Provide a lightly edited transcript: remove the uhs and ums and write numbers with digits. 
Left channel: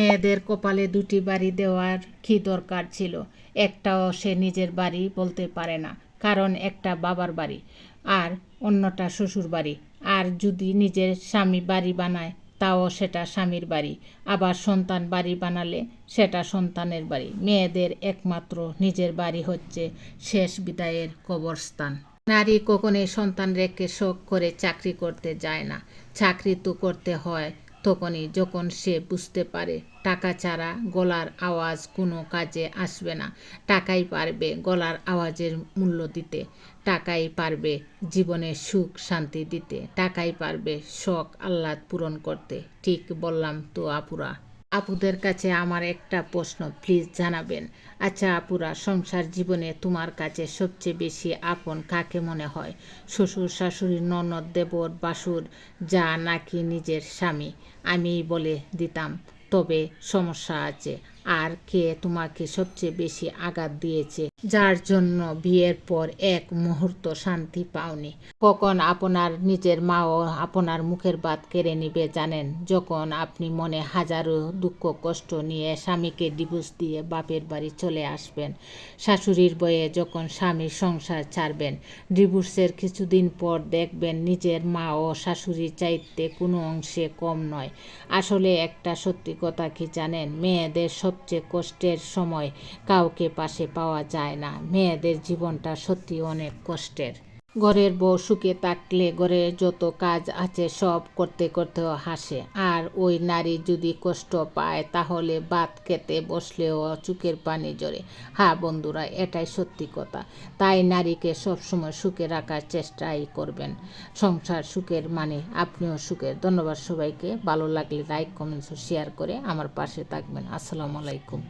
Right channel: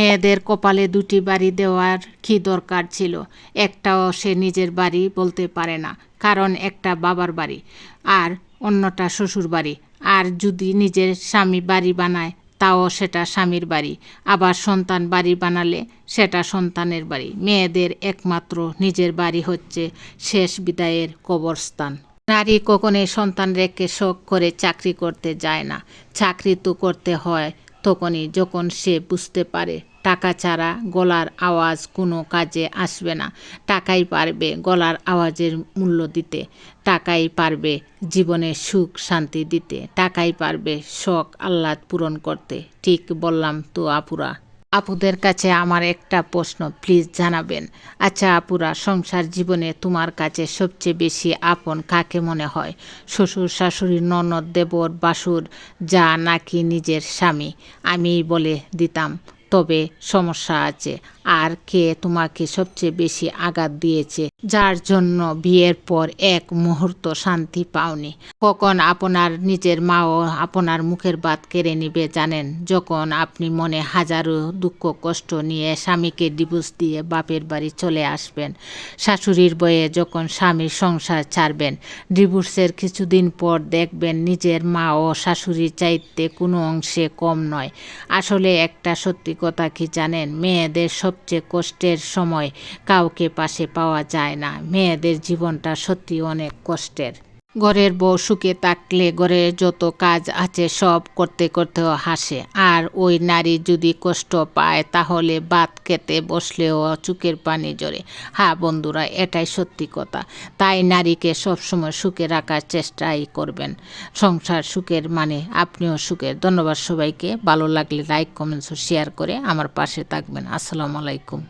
মেয়েদের কপালে দুটি বাড়ি দেওয়ার কি দরকার ছিল? একটাও সে নিজের বাড়ি বলতে পারে না, কারণ একটা বাবার বাড়ি আর অন্যটা শ্বশুর বাড়ি। আর যদি নিজের স্বামী বাড়ি বানায় তাও সেটা স্বামীর বাড়ি, আবার সন্তান বাড়ি বানালে সেটা সন্তানের বাড়ি। মেয়েদের একমাত্র নিজের বাড়ি হচ্ছে শেষ বিদায়ের কবরস্থান। নারী কখনোই সন্তান রেখে শখ করে চাকরি করতে যায় না। চাকরি তো করতে হয় তখনই যখন সে বুঝতে পারে টাকা ছাড়া গলার আওয়াজ কোনো কাজে আসবে না। টাকাই পারবে গলার আওয়াজের মূল্য দিতে, টাকাই পারবে জীবনে সুখ শান্তি দিতে, টাকাই পারবে শখ আহ্লাদ পূরণ করতে। ঠিক বললাম তো আপুরা? আপুদের কাছে আমার একটা প্রশ্ন, প্লিজ জানাবেন। আচ্ছা আপুরা, সংসার জীবনে তোমার কাছে সবচেয়ে বেশি আপন কাকে মনে হয়? শ্বশুর শাশুড়ি, ননদ, দেবর, বাসুর, যা নাকি নিজের স্বামী? আমিই বলে দিতাম, তবে সমস্যা আছে। আর কে তোমাকে সবচেয়ে বেশি আঘাত দিয়েছে, যার জন্য বিয়ের পর এক মুহূর্ত শান্তি পাওনি? কখন আপনার নিজের মাও আপনার মুখের ভাত কেড়ে নিবে জানেন? যখন আপনি মনে হাজারো দুঃখ কষ্ট নিয়ে স্বামীকে ডিভোর্স দিয়ে বাপের বাড়ি চলে আসবেন। শাশুড়ির বয়ে যখন স্বামীর সংসার ছাড়বেন, ডিভোর্সের কিছুদিন পর দেখবেন নিজের মা ও শাশুড়ির চাইতে কোনো অংশে কম নয়। আসলে একটা সত্যি কথা কি জানেন? মেয়েদের সবচেয়ে কষ্টের সময় কাউকে পাশে পাওয়া যায় না। মেয়েদের জীবনটা সত্যি অনেক কষ্টের। ঘরের বউ সুখে থাকলে ঘরের যত কাজ আছে সব করতে করতেও হাসে, আর ওই নারী যদি কষ্ট পায় তাহলে ভাত খেতে বসলেও চোখের পানি ঝরে। হ্যাঁ বন্ধুরা, এটাই সত্যি কথা। তাই নারীকে সবসময় সুখে রাখার চেষ্টাই করবেন। সংসার সুখের মানে আপনিও সুখের। ধন্যবাদ সবাইকে। ভালো লাগলে লাইক কমেন্টস ও শেয়ার করে আমার পাশে থাকবেন। আসসালামু আলাইকুম।